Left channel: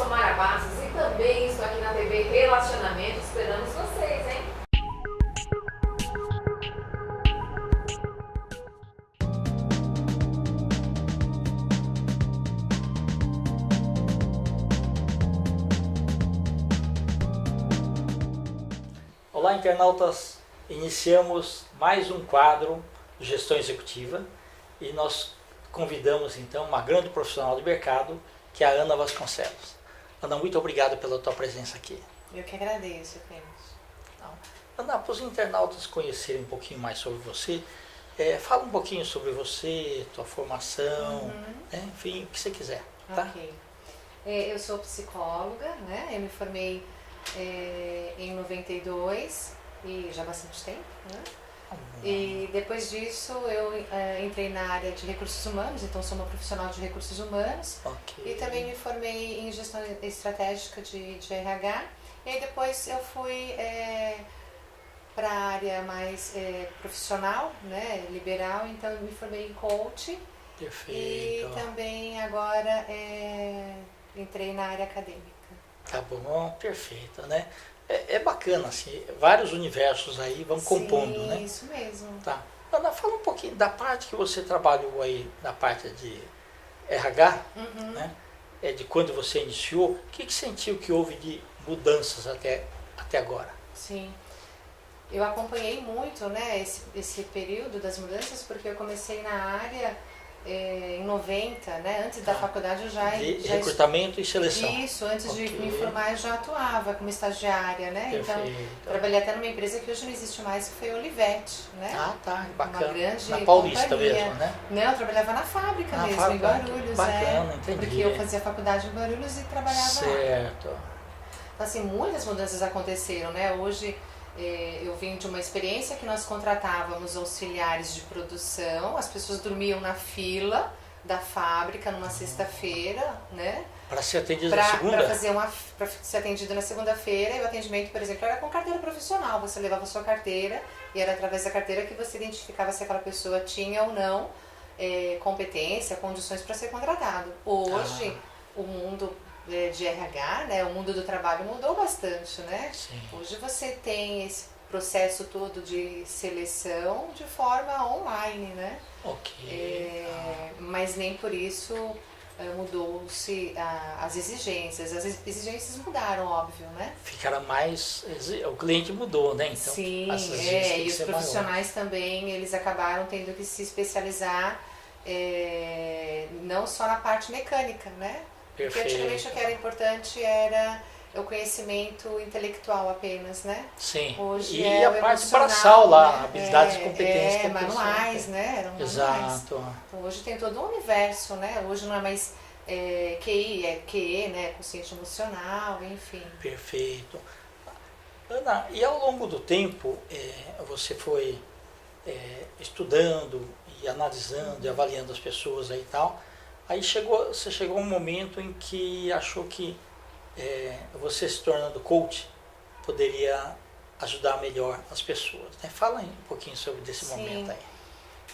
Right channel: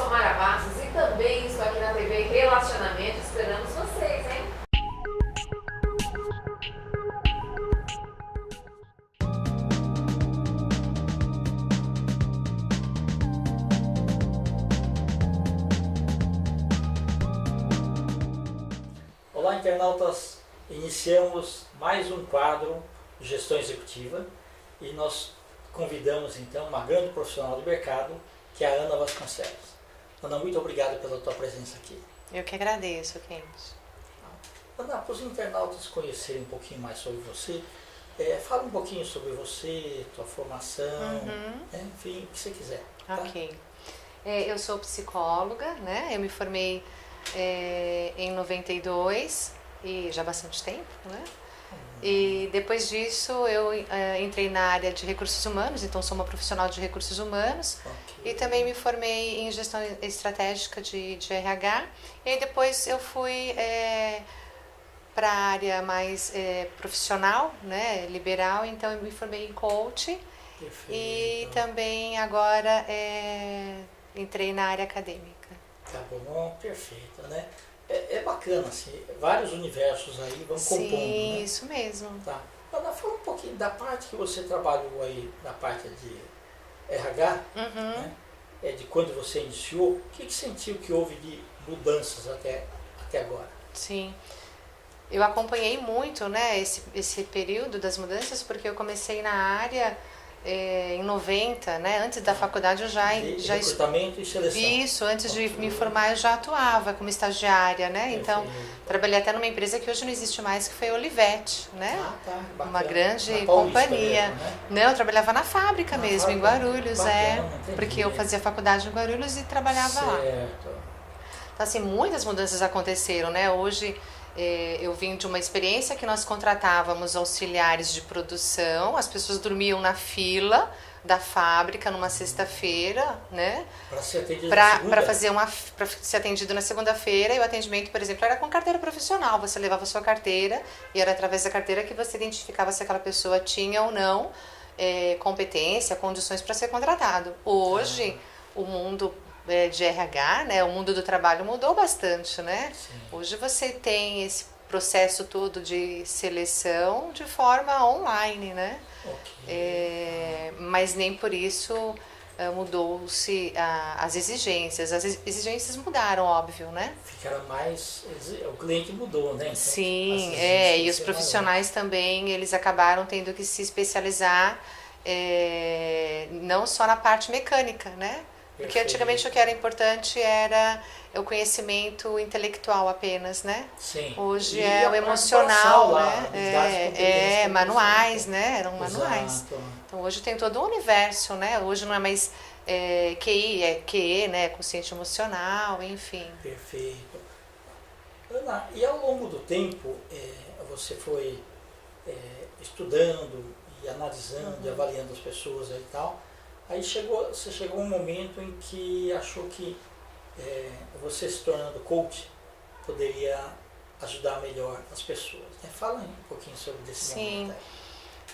sou Mara Bastos e também estou aqui na TV Relacionamento. Esperamos vocês, hein? Olá, internautas! Iniciamos mais um quadro Gestão Executiva e nós convidamos então uma grande profissional do mercado, que é a Ana Vasconcelos. Ana, muito obrigado pela tua presença aqui. Eu que agradeço, Kenneth. Ana, para os internautas conhecerem um pouquinho mais sobre você, fala um pouquinho sobre você, tua formação, enfim, o que você quiser. Tá? Ok. Eu sou psicóloga, né? Eu me formei em 92 e já há bastante tempo, né? E depois disso eu entrei na área de recursos humanos, então sou uma profissional de recursos humanos. Okay. E também me formei em gestão estratégica de RH. E aí depois eu fui para a área mais profissional, né, liberal, então eu me formei em coach. Perfeito. E também agora entrei na área acadêmica. Tá bom, perfeito, né? É bacana, assim, vários universos aí vão compondo, né? Sim, isso mesmo. Tá. Ana, fala um pouquinho da parte que você trabalhou aí, na parte de RH, né? De quando você iniciou, o que sentiu que houve de mudanças até agora? Sim. Eu acompanhei muito, né, esse período das mudanças, porque eu comecei na área em 90, né? Antes da faculdade eu já recrutamento e seleção. Isso, antes de me formar eu já atuava como estagiária, né? Perfeito. Então, trabalhei até numa empresa que hoje não existe mais, que foi a Olivetti, né? Ah, tá, bacana. Uma grande na Paulista companhia. Mesmo, né? Não, eu trabalhava na fábrica mesmo, fábrica. em Guarulhos, Bacana, entendi. porque eu fazia faculdade em Guarulhos e trabalhava lá. Certo. Então, assim, muitas mudanças aconteceram, né? Hoje eu vim de uma experiência que nós contratávamos auxiliares de produção, as pessoas dormiam na fila da fábrica numa sexta-feira, né? Para ser atendido na segunda? Para ser atendido na segunda-feira, e o atendimento, por exemplo, era com carteira profissional. Você levava a sua carteira e era através da carteira que você identificava se aquela pessoa tinha ou não competência, condições para ser contratado. Hoje, o mundo de RH, né, o mundo do trabalho mudou bastante, né? Sim. Hoje você tem esse processo todo de seleção de forma online, né? Ok. Mas nem por isso mudou-se as exigências. As exigências mudaram, óbvio, né? Ficaram mais... O cliente mudou, né? Então, sim, e os profissionais também, eles acabaram tendo que se especializar não só na parte mecânica, né? Porque antigamente o que era importante era o conhecimento intelectual apenas, né? Sim. Hoje é o emocional, lá, né? habilidades e competências. Manuais, né? Eram manuais. Exato. Então hoje tem todo um universo, né? Hoje não é mais QI, é QE, né? Consciente emocional, enfim. Perfeito. Ana, e ao longo do tempo, você foi estudando e analisando e avaliando as pessoas aí e tal. Aí você chegou um momento em que achou que você se tornando coach poderia ajudar melhor as pessoas, né? Fala aí um pouquinho sobre esse momento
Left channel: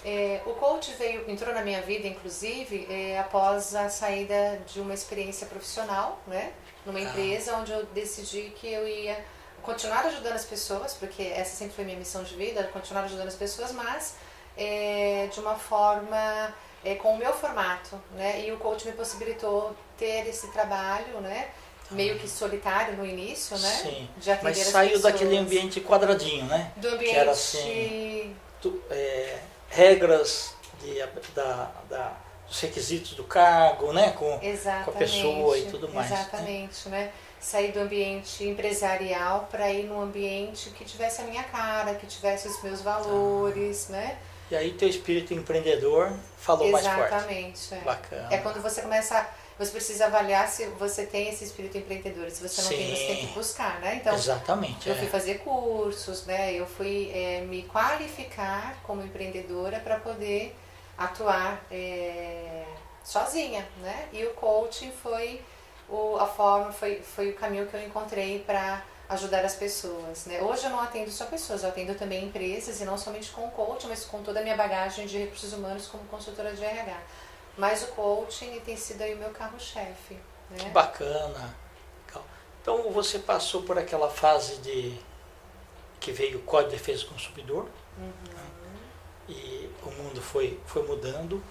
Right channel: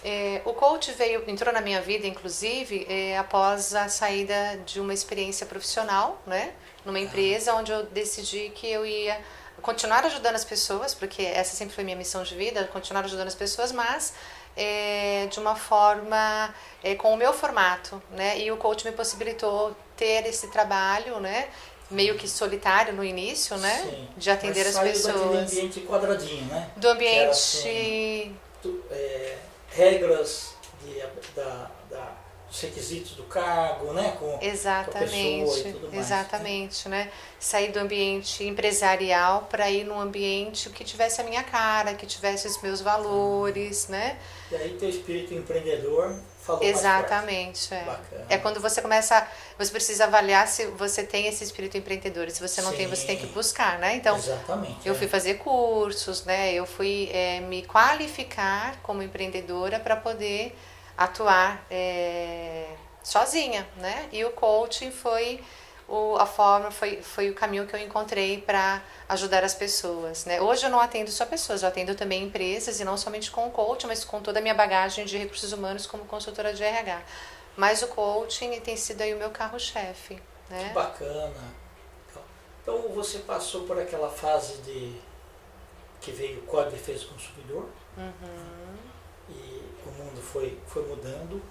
aí. O coach entrou na minha vida, inclusive, após a saída de uma experiência profissional, né? Numa empresa onde eu decidi que eu ia continuar ajudando as pessoas, porque essa sempre foi minha missão de vida, continuar ajudando as pessoas, mas de uma forma com o meu formato, né? E o coach me possibilitou ter esse trabalho, né? Meio que solitário no início, né? Sim. De atender Mas as saiu pessoas. daquele ambiente quadradinho, né? Do ambiente... Que era, assim, regras dos requisitos do cargo, né? Com a pessoa e tudo mais. Exatamente, né? Sair do ambiente empresarial para ir num ambiente que tivesse a minha cara, que tivesse os meus valores, né? E aí teu espírito empreendedor falou Exatamente, mais forte. Bacana. É quando você começa, você precisa avaliar se você tem esse espírito empreendedor. Se você não tem, você tem que buscar, né? Então, exatamente, eu fui fazer cursos, né? Eu fui me qualificar como empreendedora para poder atuar sozinha, né? E o coaching foi foi o caminho que eu encontrei para ajudar as pessoas, né? Hoje eu não atendo só pessoas, eu atendo também empresas, e não somente com o coaching, mas com toda a minha bagagem de recursos humanos como consultora de RH. Mas o coaching tem sido aí o meu carro-chefe. né? Que bacana. Então você passou por aquela fase que veio o Código de Defesa do Consumidor, e o mundo foi mudando,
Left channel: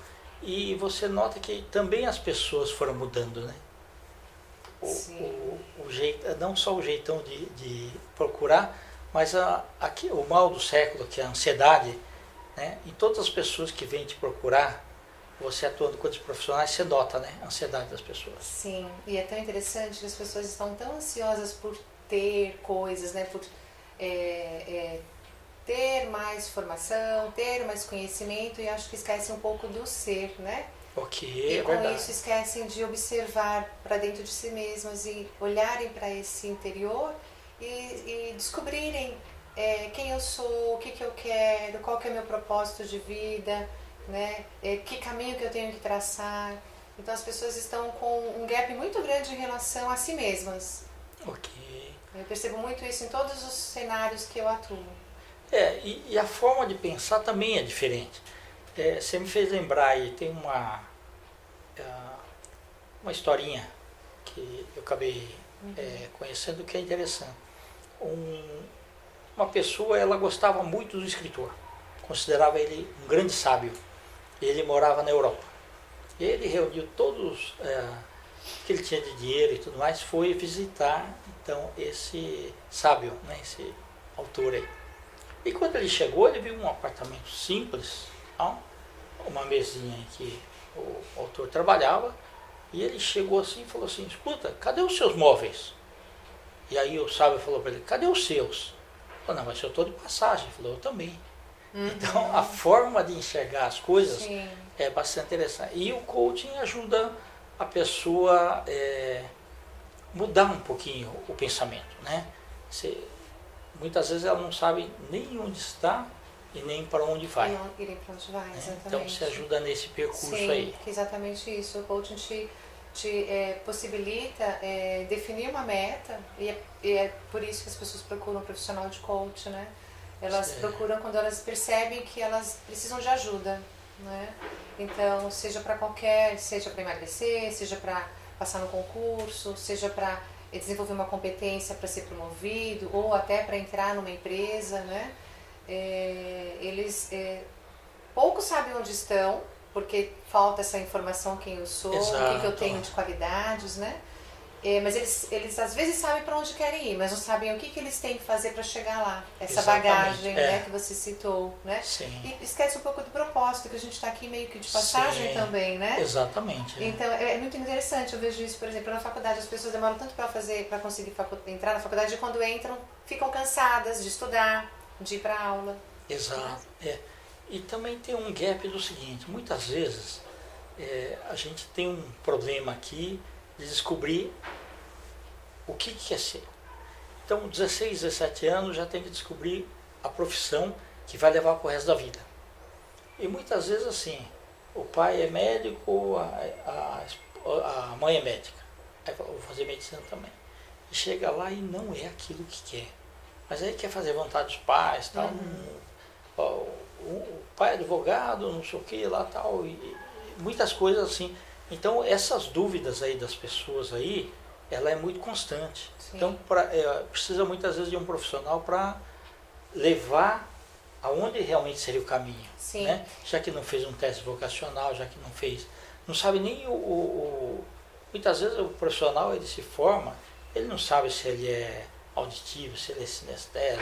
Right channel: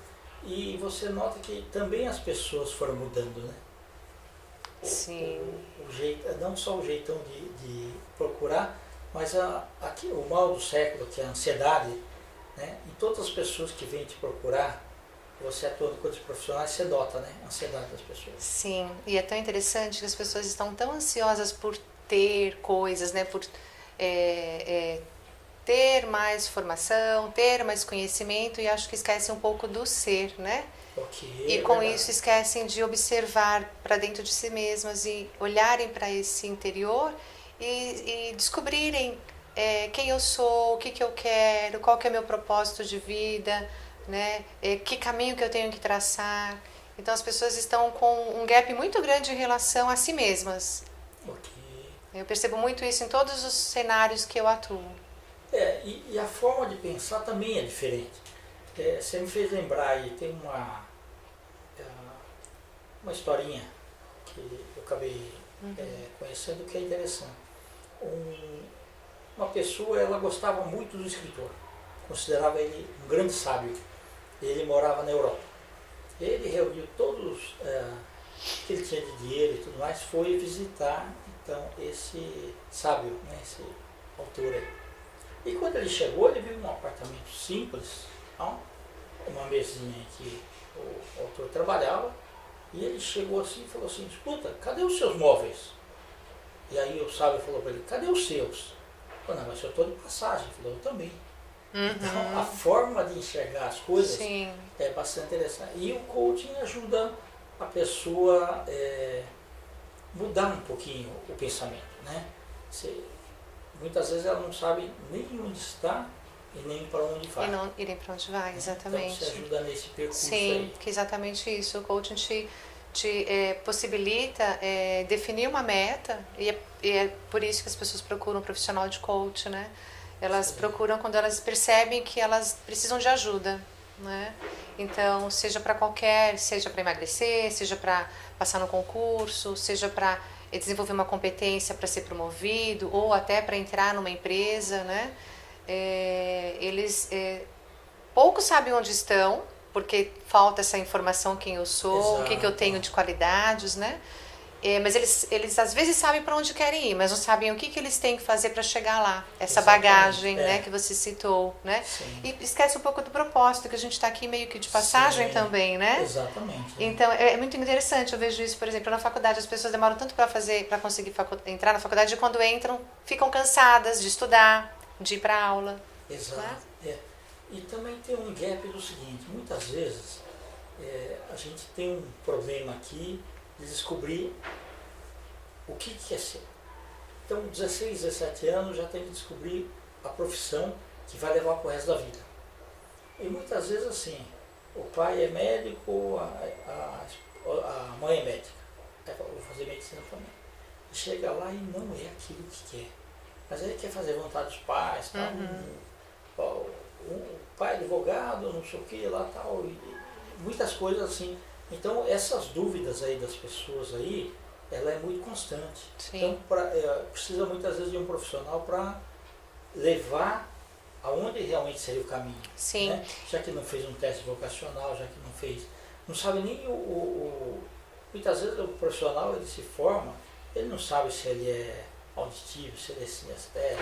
e você nota que também as pessoas foram mudando, né? Sim. O jeito, não só o jeitão de procurar, mas aqui, o mal do século, que é a ansiedade, né? E todas as pessoas que vêm te procurar, você atuando com outros profissionais, você nota, né? A ansiedade das pessoas. Sim, e é tão interessante que as pessoas estão tão ansiosas por ter coisas, né? Por ter mais formação, ter mais conhecimento, e acho que esquecem um pouco do ser, né? E com isso esquecem de observar para dentro de si mesmas e olharem para esse interior e descobrirem quem eu sou, o que eu quero, qual que é meu propósito de vida, né? Que caminho que eu tenho que traçar. Então as pessoas estão com um gap muito grande em relação a si mesmas. Ok. Eu percebo muito isso em todos os cenários que eu atuo. E a forma de pensar também é diferente. Você me fez lembrar aí, tem uma historinha que eu acabei conhecendo que é interessante. Uma pessoa, ela gostava muito do escritor, considerava ele um grande sábio. Ele morava na Europa. Ele reuniu todos que ele tinha de dinheiro e tudo mais, foi visitar então esse sábio, né, esse autor aí. E quando ele chegou, ele viu um apartamento simples, uma mesinha em que o autor trabalhava, e ele chegou assim e falou assim: escuta, cadê os seus móveis? E aí o sábio falou para ele: cadê os seus? Ele falou: não, mas eu estou de passagem. Ele falou: eu também. Então a forma de enxergar as coisas Sim. é bastante interessante. E o coaching ajuda a pessoa mudar um pouquinho o pensamento, né? Muitas vezes ela não sabe nem onde está e nem para onde vai. E não irem para onde vai, exatamente. Então você ajuda nesse percurso Sim, aí. que é exatamente isso. O coaching te possibilita definir uma meta, e é por isso que as pessoas procuram um profissional de coach, né? Elas procuram quando elas percebem que elas precisam de ajuda, né? Então, seja para emagrecer, seja para passar no concurso, seja para desenvolver uma competência para ser promovido, ou até para entrar numa empresa, né? Eles poucos sabem onde estão, porque falta essa informação, quem eu sou, o que eu tenho de qualidades, né? Mas eles às vezes sabem para onde querem ir, mas não sabem o que eles têm que fazer para chegar lá. Essa bagagem, né, que você citou, né? Sim. E esquece um pouco do propósito, que a gente está aqui meio que de passagem também, né? Exatamente. Então é muito interessante, eu vejo isso, por exemplo, na faculdade as pessoas demoram tanto para conseguir entrar na faculdade, e quando entram ficam cansadas de estudar, de ir para aula. Exato. E também tem um gap do seguinte: muitas vezes a gente tem um problema aqui de descobrir o que quer ser. Então, 16, 17 anos já tem que descobrir a profissão que vai levar para o resto da vida. E muitas vezes assim, o pai é médico, a mãe é médica, aí vou fazer medicina também. E chega lá e não é aquilo que quer. Mas aí quer fazer vontade dos pais, tal. O pai é advogado, não sei o que lá, tal, e muitas coisas assim. Então essas dúvidas aí das pessoas aí, ela é muito constante. Sim. Então precisa muitas vezes de um profissional para levar aonde realmente seria o caminho. Sim. Né? Já que não fez um teste vocacional, já que não sabe nem muitas vezes o profissional, ele se forma, ele não sabe se ele é auditivo, se ele é sinestésico,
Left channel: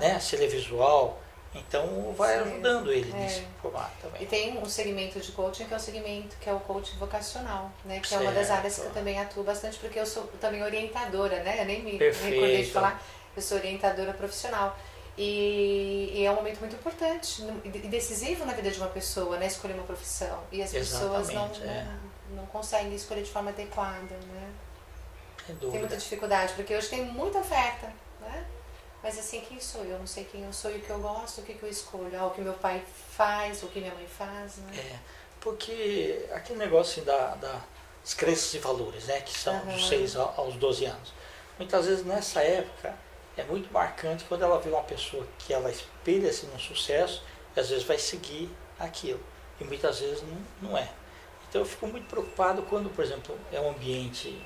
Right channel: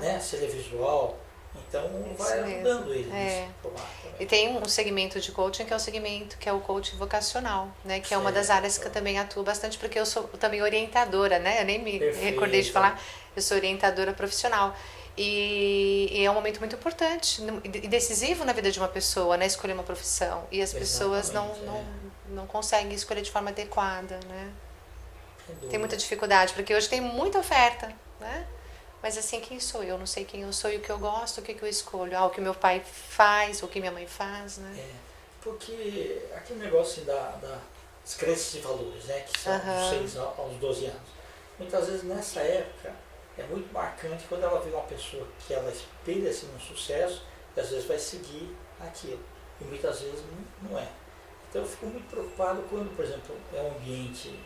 né? Se ele é visual. Então vai ajudando ele nesse formato também. E tem um segmento de coaching que é o coaching vocacional, né? Que é uma das áreas que eu também atuo bastante, porque eu sou também orientadora, né? Eu nem me recordei de falar, eu sou orientadora profissional. E é um momento muito importante e decisivo na vida de uma pessoa, né? Escolher uma profissão. E as pessoas não conseguem escolher de forma adequada, né? Tem muita dificuldade, porque hoje tem muita oferta, né? Mas assim, quem sou eu? Não sei quem eu sou e o que eu gosto, o que eu escolho. O que meu pai faz, o que minha mãe faz, né? Porque aquele negócio das crenças e valores, né? Que são dos 6 aos 12 anos. Muitas vezes nessa época é muito marcante quando ela vê uma pessoa que ela espelha-se no sucesso e às vezes vai seguir aquilo. E muitas vezes não é. Então eu fico muito preocupado quando, por exemplo, é um ambiente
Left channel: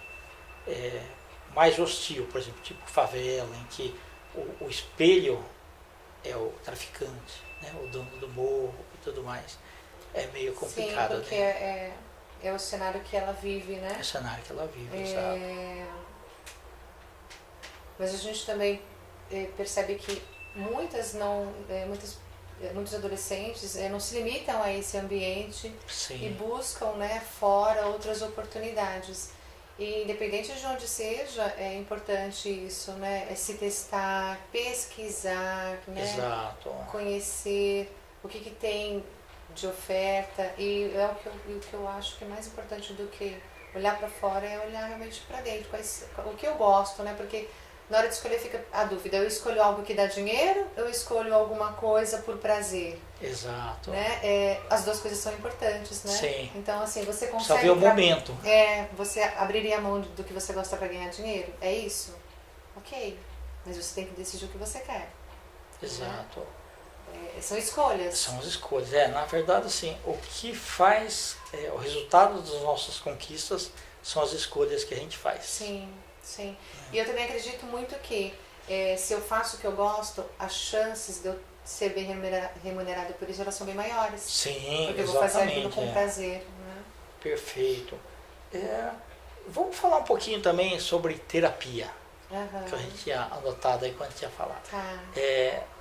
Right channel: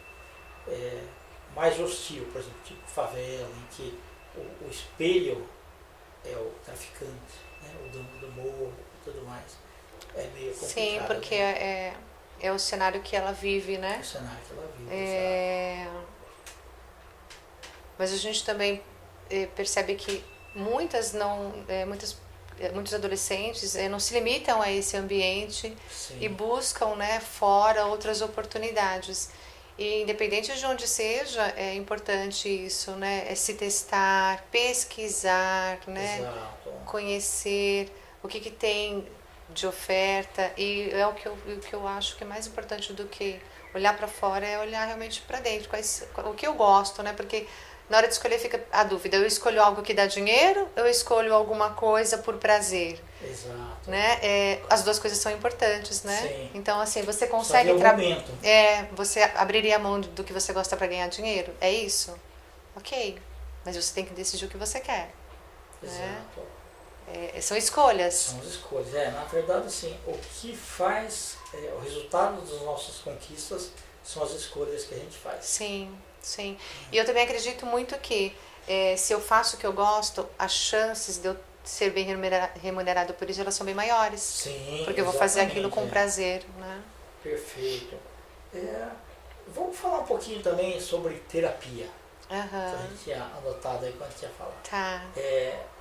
mais hostil, por exemplo, tipo favela, em que o espelho é o traficante, né, o dono do morro e tudo mais. É meio complicado. Sim, porque né? é o cenário que ela vive, né? É o cenário que ela vive. Mas a gente também percebe que muitos adolescentes não se limitam a esse ambiente Sim. e buscam, né, fora outras oportunidades. E independente de onde seja, é importante isso, né? É se testar, pesquisar, né? Exato. Conhecer o que tem de oferta. E é o que eu acho que é mais importante do que olhar para fora, é olhar realmente para dentro. O que eu gosto, né? Porque na hora de escolher fica a dúvida, eu escolho algo que dá dinheiro, eu escolho alguma coisa por prazer. Exato. Né? As duas coisas são importantes, né? Sim. Então, assim, você consegue... Saber o momento. Você abriria a mão do que você gosta para ganhar dinheiro? É isso? Ok. Mas você tem que decidir o que você quer. Exato. Né? São escolhas. São as escolhas. Na verdade, assim, o que faz o resultado das nossas conquistas são as escolhas que a gente faz. Sim. Sim, e eu também acredito muito que se eu faço o que eu gosto, as chances de eu ser bem remunerado por isso, elas são bem maiores. Sim, porque eu vou fazer aquilo com prazer, né? Perfeito. Vamos falar um pouquinho também sobre terapia, que a gente tinha anotado aí quando a gente ia falar. Tá.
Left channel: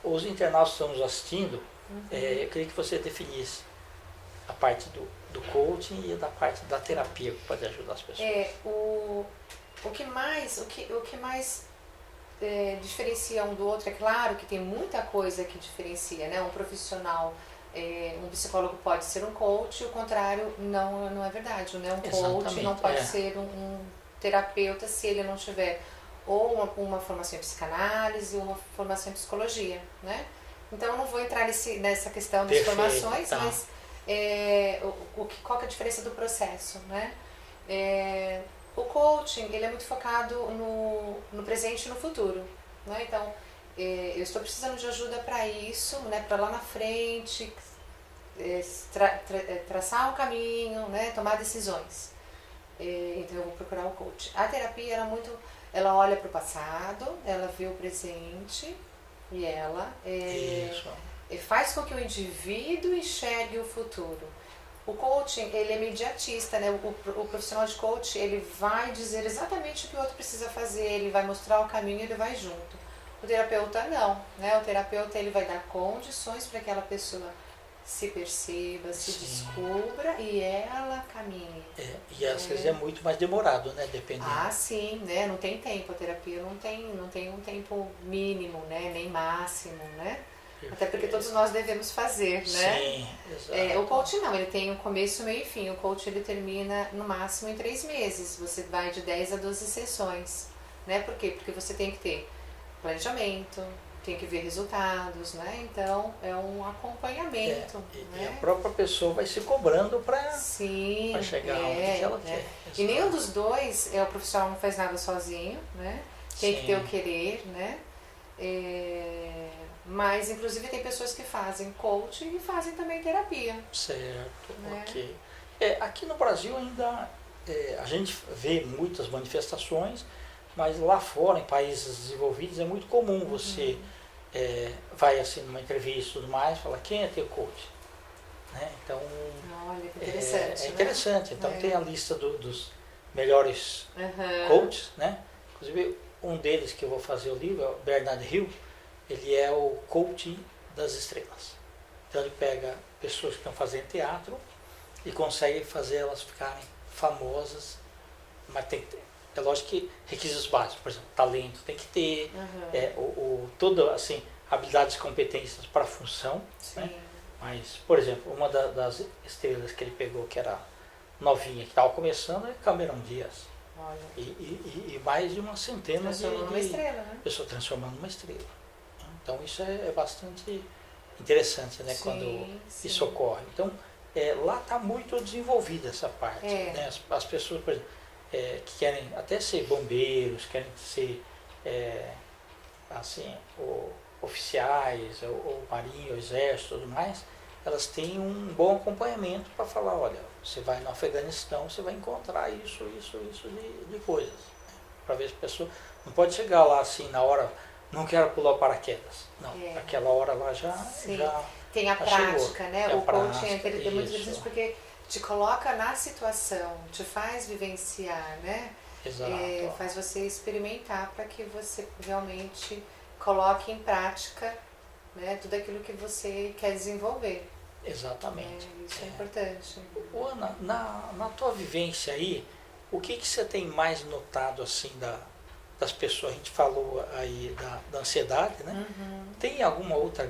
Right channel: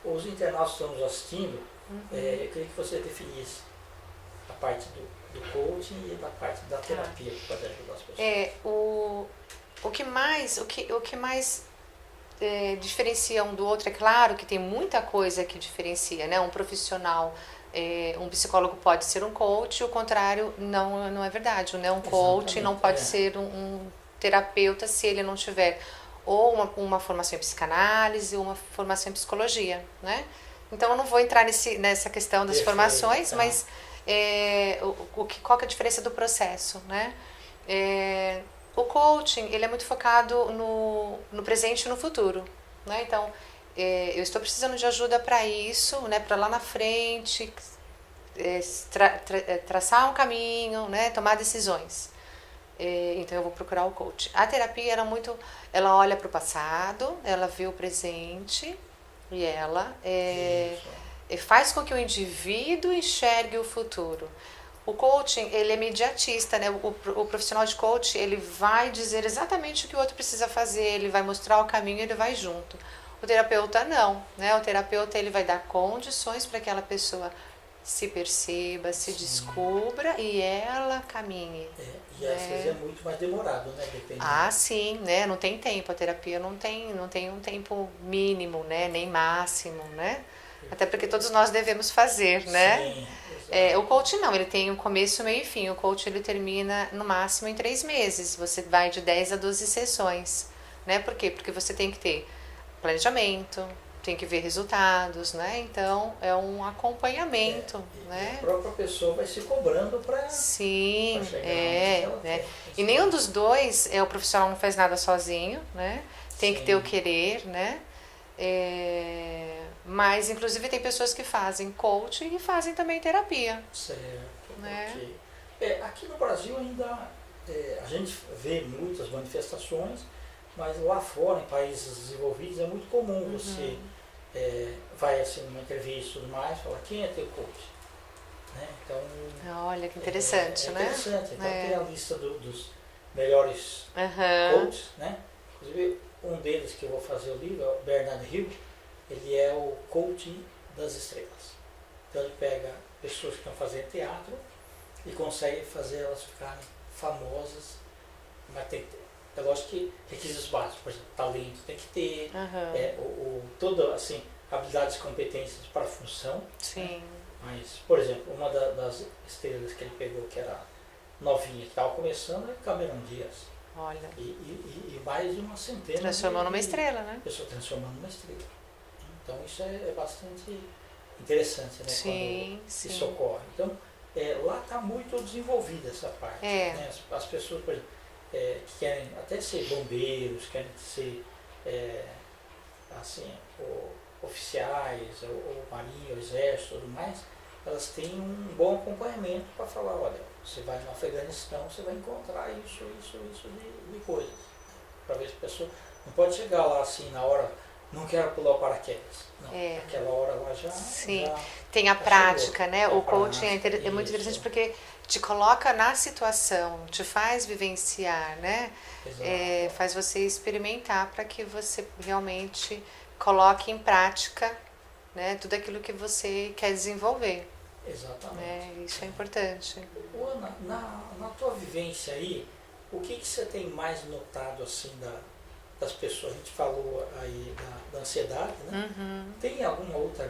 Os internautas que estão nos assistindo, eu queria que você definisse a parte do coaching e da parte da terapia que pode ajudar as pessoas. O que mais diferencia um do outro, é claro que tem muita coisa que diferencia, né? Um profissional, um psicólogo pode ser um coach, o contrário não é verdade, né? Um coach não pode ser um terapeuta se ele não tiver ou uma formação em psicanálise ou uma formação em psicologia, né? Então eu não vou entrar nessa questão das formações, mas qual que é a diferença do processo, né? O coaching, ele é muito focado no presente e no futuro, né? Então, eu estou precisando de ajuda para isso, né? Para lá na frente, traçar um caminho, né? Tomar decisões. Então, eu vou procurar o coach. A terapia, ela olha para o passado, ela vê o presente e ela faz com que o indivíduo enxergue o futuro. O coaching, ele é imediatista, né? O profissional de coaching, ele vai dizer exatamente o que o outro precisa fazer, ele vai mostrar o caminho e ele vai junto. O terapeuta não, né? O terapeuta, ele vai dar condições para que aquela pessoa se perceba, se descubra e ela caminhe. E às vezes é muito mais demorado, né? Dependendo. Sim, né? Não tem tempo, a terapia não tem um tempo mínimo, né? Nem máximo, né? Até porque todos nós devemos fazer, né? Sim, exato. O coach não, ele tem um começo, meio e fim. O coach, ele termina no máximo em 3 meses. Você vai de 10 a 12 sessões, né? Por quê? Porque você tem que ter planejamento, tem que ver resultados, né? Então, é um acompanhamento, né? E a própria pessoa vai se cobrando para chegar onde ela quer. E nenhum dos dois, o profissional não faz nada sozinho, né? Tem que ter o querer, né? Mas, inclusive, tem pessoas que fazem coaching e fazem também terapia. Certo, né? ok. Aqui no Brasil ainda a gente vê muitas manifestações, mas lá fora, em países desenvolvidos, é muito comum você vai assim numa entrevista e tudo mais, falar quem é teu coach? Né? Então, olha que interessante, é né? interessante. Então tem a lista dos melhores coaches, né? Inclusive um deles que eu vou fazer o livro é o Bernard Hill. Ele é o coaching das estrelas. Então ele pega pessoas que estão fazendo teatro e consegue fazer elas ficarem famosas, mas é lógico que requisitos básicos, por exemplo, talento tem que ter, toda assim, habilidades e competências para a função. Sim. Né? Mas, por exemplo, uma das estrelas que ele pegou, que era novinha, que estava começando, é Cameron Diaz. Olha. E mais de uma centena transformou numa estrela, né? Pessoa transformando numa estrela. Então isso é bastante interessante, né? Quando isso ocorre. Então lá está muito desenvolvida essa parte. Né? As pessoas, por exemplo, que querem até ser bombeiros, querem ser assim, oficiais, ou marinha, o exército e tudo mais, elas têm um bom acompanhamento para falar, olha, você vai no Afeganistão, você vai encontrar isso de coisas. Para ver se a pessoa não pode chegar lá assim na hora, não quero pular o paraquedas. Não, aquela hora lá já. Sim. Já, tem a já prática, chegou. né? Tem O a coaching prática, é muito interessante isso. porque te coloca na situação, te faz vivenciar, né? Exato. Faz você experimentar para que você realmente coloque em prática, né, tudo aquilo que você quer desenvolver. Exatamente. Isso é importante. Ô, Ana, na tua vivência aí, o que você tem mais notado assim das pessoas? A gente falou aí da ansiedade, né? Uhum. Tem alguma outra?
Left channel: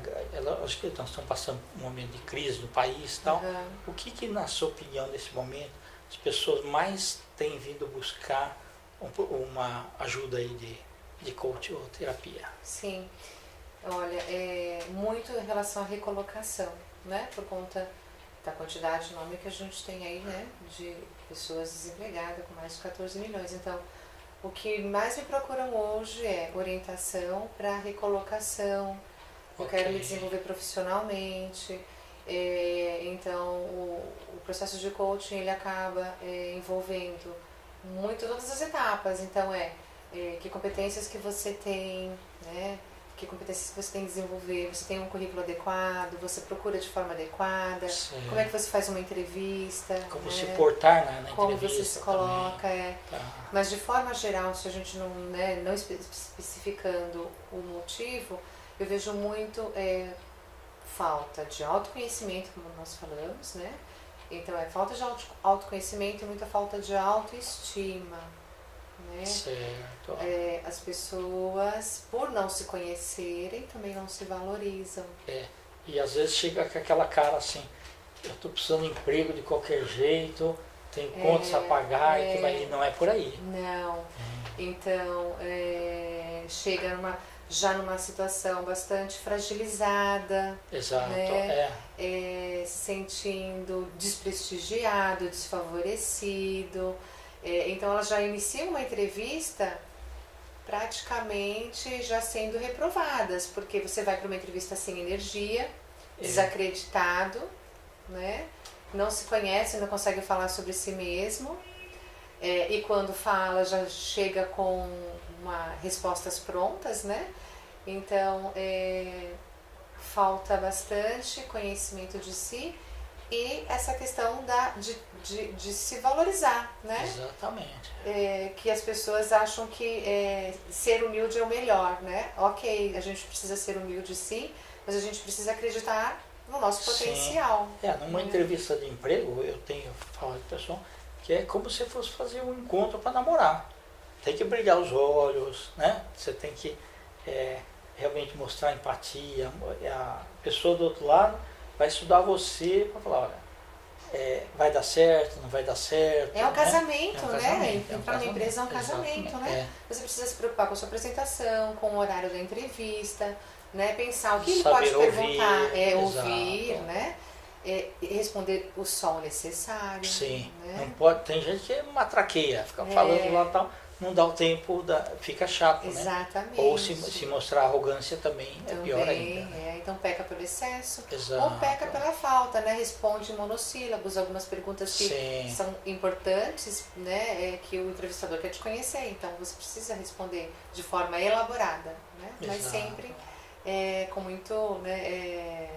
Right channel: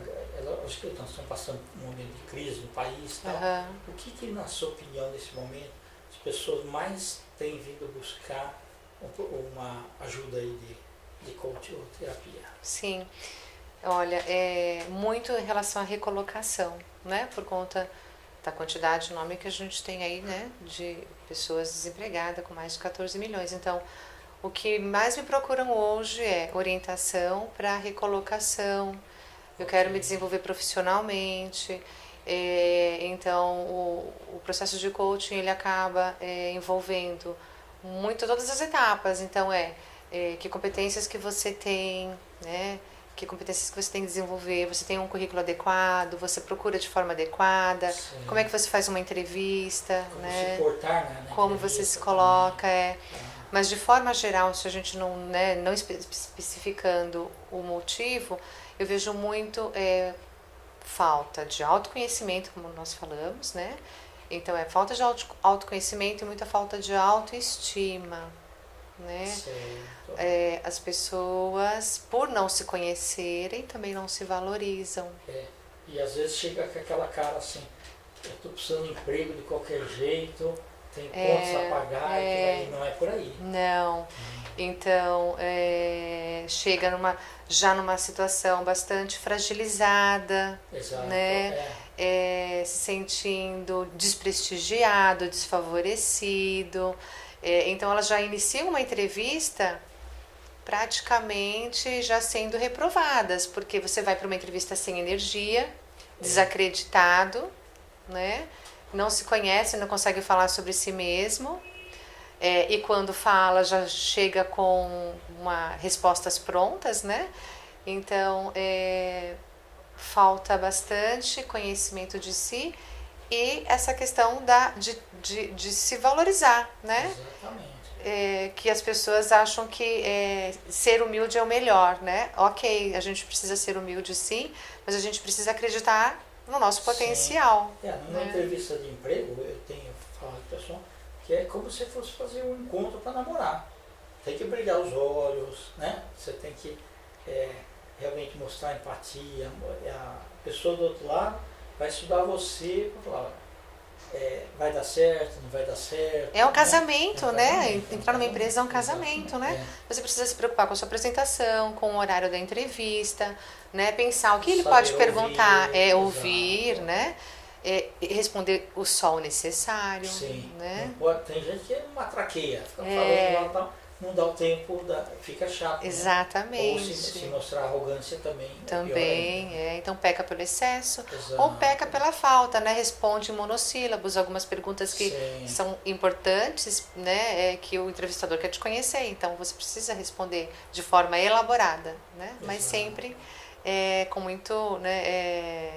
Acho que nós estamos passando um momento de crise no país e tal. Uhum. O que, na sua opinião, nesse momento, as pessoas mais têm vindo buscar uma ajuda aí de coaching ou terapia? Sim. Olha, muito em relação à recolocação, né? Por conta da quantidade de nome que a gente tem aí, né? De pessoas desempregadas com mais de 14 milhões. Então, o que mais me procuram hoje é orientação para recolocação. Eu quero me desenvolver profissionalmente. Então, o processo de coaching ele acaba envolvendo muito todas as etapas. Então, que competências que você tem, né? Que competências que você tem que desenvolver, você tem um currículo adequado, você procura de forma adequada, Sim. como é que você faz uma entrevista, Como né? se portar na como você se coloca, Tá. Mas de forma geral, se a gente não especificando o motivo, eu vejo muito falta de autoconhecimento, como nós falamos, né? Então falta de autoconhecimento e muita falta de autoestima, né? Certo. As pessoas, por não se conhecerem, também não se valorizam. E às vezes chega com aquela cara assim, eu estou precisando de emprego de qualquer jeito, tem contas a pagar, e não é por aí. Não. Então, chega já numa situação bastante fragilizada, Exato. né? Se sentindo desprestigiado, desfavorecido. Então, elas já iniciam uma entrevista praticamente já sendo reprovadas, porque você vai para uma entrevista sem energia, desacreditado, né? Não se conhece, não consegue falar sobre si mesmo, e quando fala já chega com respostas prontas, né? Então, falta bastante conhecimento de si e essa questão de se valorizar, né? Exatamente. Que as pessoas acham que ser humilde é o melhor, né? Ok, a gente precisa ser humilde sim, mas a gente precisa acreditar no nosso potencial. Numa entrevista de emprego, eu tenho falado com o pessoal que é como se fosse fazer um encontro para namorar. Tem que brilhar os olhos, né? Você tem que realmente mostrar empatia. A pessoa do outro lado vai estudar você para falar, olha, vai dar certo, não vai dar certo. É um casamento, né? Entrar numa empresa é um casamento, né? Você precisa se preocupar com a sua apresentação, com o horário da entrevista, né? Pensar o que ele pode perguntar, ouvir, né? E responder só o necessário. Sim. Né? Não pode, tem gente que matraqueia, fica falando lá e tal, não dá o tempo, fica chato. Exatamente. Né? Ou se mostrar arrogância também é pior ainda. Então peca pelo excesso. Exato. Ou peca pela falta, né? Responde em monossílabos, algumas perguntas que são importantes, né? Que o entrevistador quer te conhecer, então você precisa responder de forma elaborada, né? Mas sempre com muito, né?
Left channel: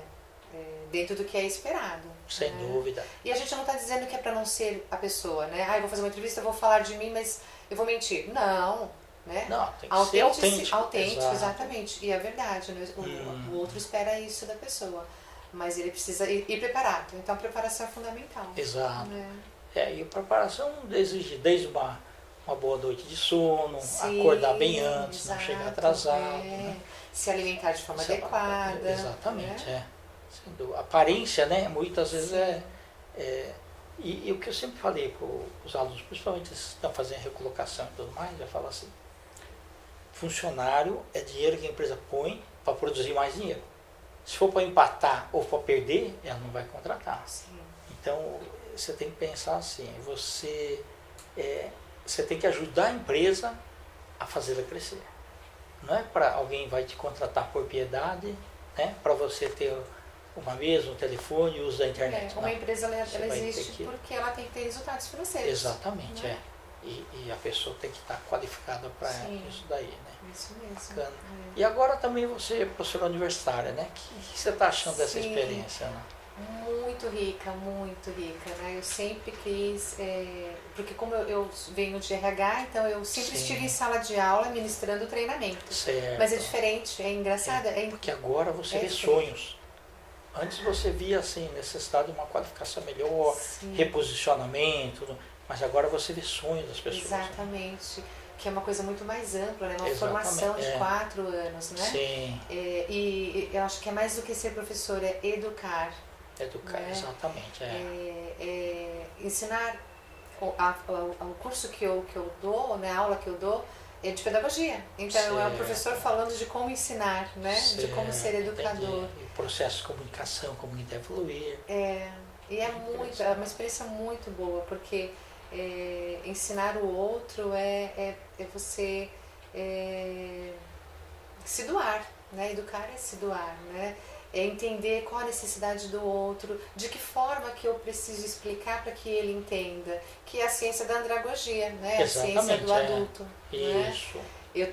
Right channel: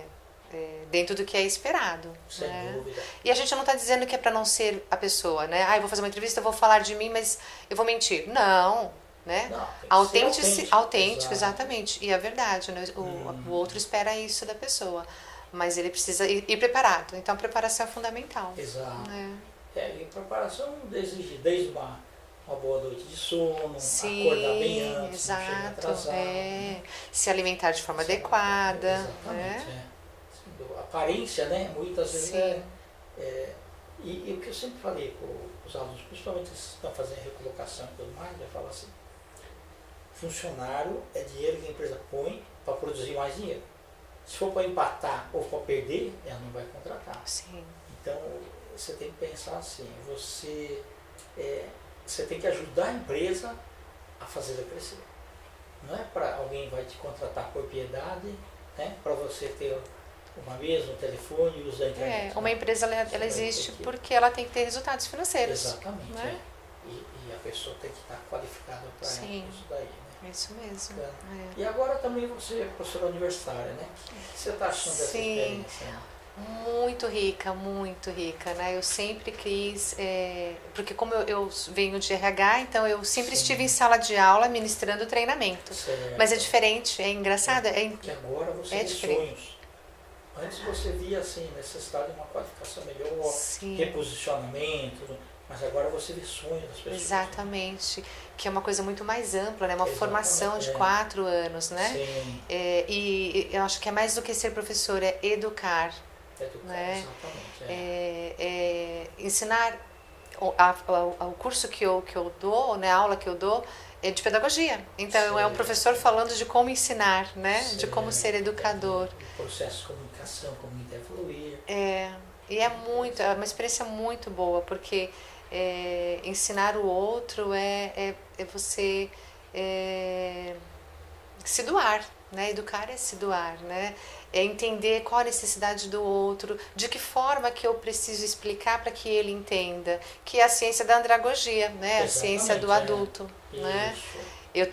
Dentro do que é esperado. Sem dúvida. E a gente não está dizendo que é para não ser a pessoa, né? Eu vou fazer uma entrevista, eu vou falar de mim, mas eu vou mentir. Não, né? Não, tem que ser autêntico, exatamente. E é verdade, né? O outro espera isso da pessoa, mas ele precisa ir preparado. Então a preparação é fundamental. Exato. E a preparação exige desde uma boa noite de sono, acordar bem antes, não chegar atrasado. Né? Se alimentar de forma adequada. Exatamente, A aparência, né? Muitas vezes e o que eu sempre falei para os alunos, principalmente esses que estão fazendo recolocação e tudo mais, eu falo assim, funcionário é dinheiro que a empresa põe para produzir mais dinheiro. Se for para empatar ou para perder, ela não vai contratar. Sim. Então, você tem que pensar assim, você tem que ajudar a empresa a fazê-la crescer. Não é para alguém vai te contratar por piedade, né? Para você ter uma mesa, um telefone e uso da internet. Uma empresa ela vai existe ter que- porque ela tem que ter resultados financeiros. Exatamente, né? E a pessoa tem que estar qualificada para Sim. isso daí, né? Isso mesmo. Bacana. É. E agora também você é professora universitária, né? O que você está achando dessa Sim. experiência? Né? Muito rica, né? Eu sempre quis, porque como eu venho de RH, então eu sempre Sim. estive em sala de aula ministrando treinamento. Certo. Mas é diferente, é engraçado. Porque agora você vê diferente. sonhos. Antes você via assim, necessidade de uma qualificação melhor, Sim. reposicionamento, mas agora você vê sonhos das pessoas. Né? Exatamente. Que é uma coisa muito mais ampla, né? Uma Exatamente, formação de 4 anos, né? Sim, E eu acho que é mais do que ser professor, é educar. educar, né? exatamente. Ensinar o curso que eu dou, né, a aula que eu dou é de pedagogia. Então é o Certo. professor falando de como ensinar, né, de como ser educador. O processo de comunicação, como evoluir. E é uma experiência muito boa, porque ensinar o outro é você se doar, né? Educar é se doar, né? É entender qual a necessidade do outro, de que forma que eu preciso explicar para que ele entenda, que é a ciência da andragogia, né? A ciência do adulto, né? Isso. Eu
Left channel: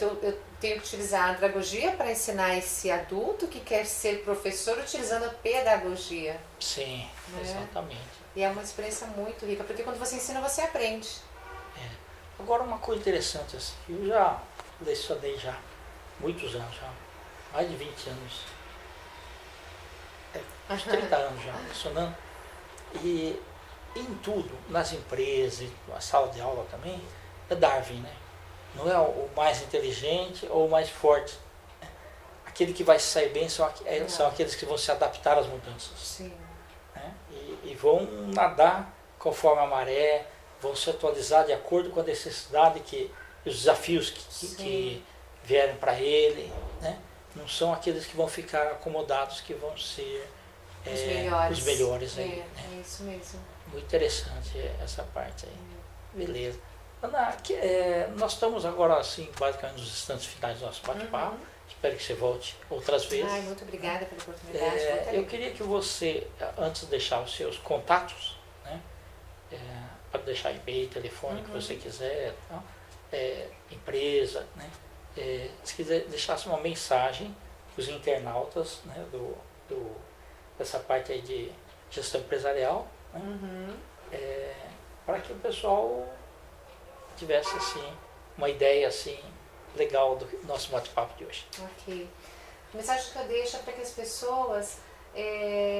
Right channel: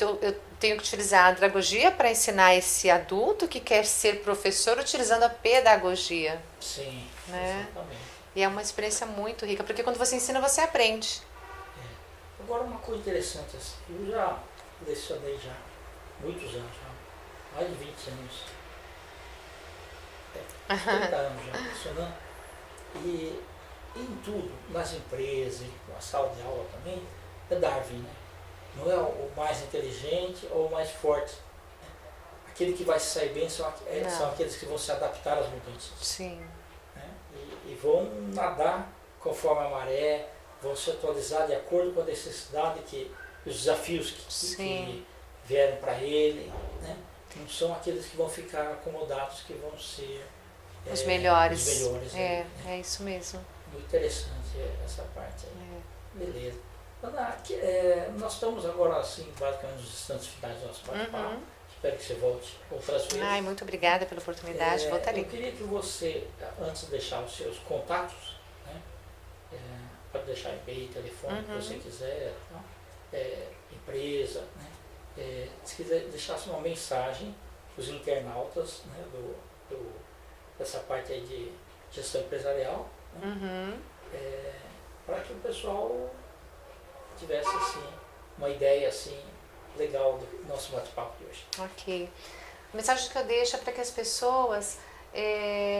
tenho que utilizar a andragogia para ensinar esse adulto que quer ser professor utilizando a pedagogia. Sim, né? exatamente. E é uma experiência muito rica, porque quando você ensina, você aprende. Agora uma coisa interessante, assim, eu já lecionei já muitos anos, já, mais de 20 anos, 30 anos já lecionando, e em tudo, nas empresas, na sala de aula também, é Darwin, né? Não é o mais inteligente ou o mais forte. Aquele que vai sair bem são aqueles que vão se adaptar às mudanças. Sim. Né? E vão nadar conforme a maré, vão se atualizar de acordo com a necessidade e os desafios que vierem para ele. Né? Não são aqueles que vão ficar acomodados, que vão ser os melhores. Os melhores aí, né? É isso mesmo. Muito interessante essa parte aí. Beleza. Ana, nós estamos agora, assim, basicamente nos instantes finais do nosso bate-papo. Espero que você volte outras vezes. Ai, muito obrigada pela oportunidade. Eu queria que você, antes de deixar os seus contatos, né, pode deixar e-mail, telefone, que você quiser, tá? Empresa, né, se quiser deixasse uma mensagem para os internautas, né, dessa parte aí de gestão empresarial, né, para que o pessoal tivesse assim, uma ideia assim, legal do nosso bate-papo de hoje. Ok. A mensagem que eu deixo é para que as pessoas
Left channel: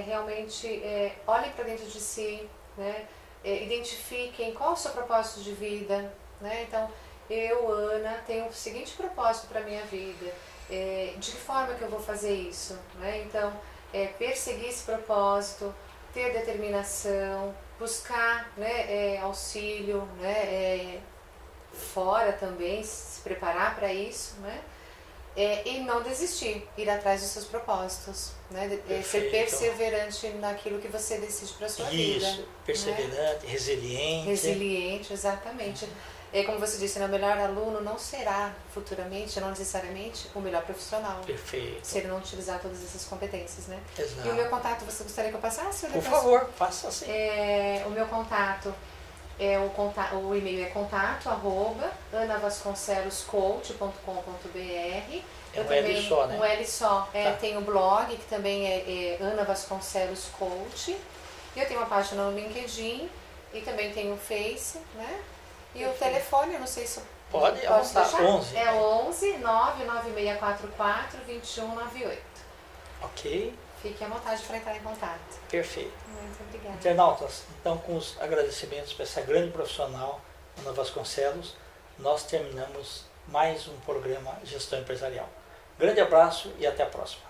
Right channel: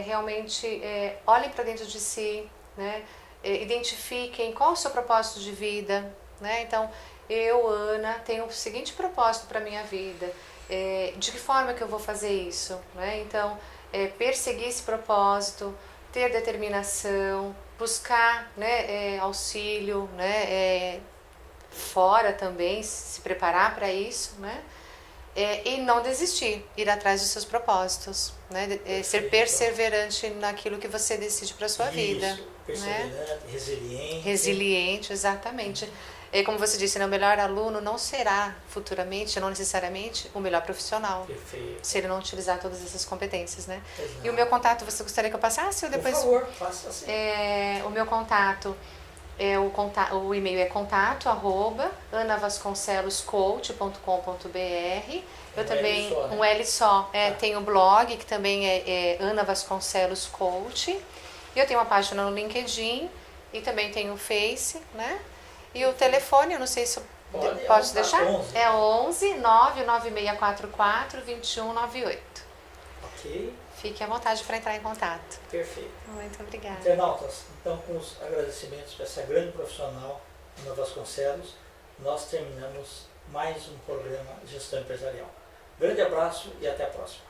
realmente olhem para dentro de si, né? Identifiquem qual é o seu propósito de vida, né? Então, eu, Ana, tenho o seguinte propósito para a minha vida. De que forma que eu vou fazer isso? Né? Então, perseguir esse propósito, ter determinação, buscar, né, auxílio, né, fora também, se preparar para isso, né? E não desistir, ir atrás dos seus propósitos, né? Ser perseverante naquilo que você decide para sua vida. Perseverante, né? Resiliente, exatamente. Como você disse, né, o melhor aluno não será futuramente, não necessariamente, o melhor profissional. Perfeito. Se ele não utilizar todas essas competências, né? Exato. E o meu contato, você gostaria que eu passasse? Ou depois... Por favor, faça assim. O meu contato... o e-mail é contato@anavasconceloscoach.com.br. Eu também L só, né? um L só. Tá. Tem o blog que também é Ana Vasconcelos Coach. E eu tenho uma página no LinkedIn e também tenho o Face, né? E o telefone, eu não sei se eu Pode deixar. 11. É 11 99644 2198. Ok. Fique à vontade para entrar em contato. Perfeito. Muito obrigada. Internautas, então com os agradecimentos para essa grande profissional, Ana Vasconcelos, nós terminamos mais um programa Gestão Empresarial. Grande abraço e até a próxima.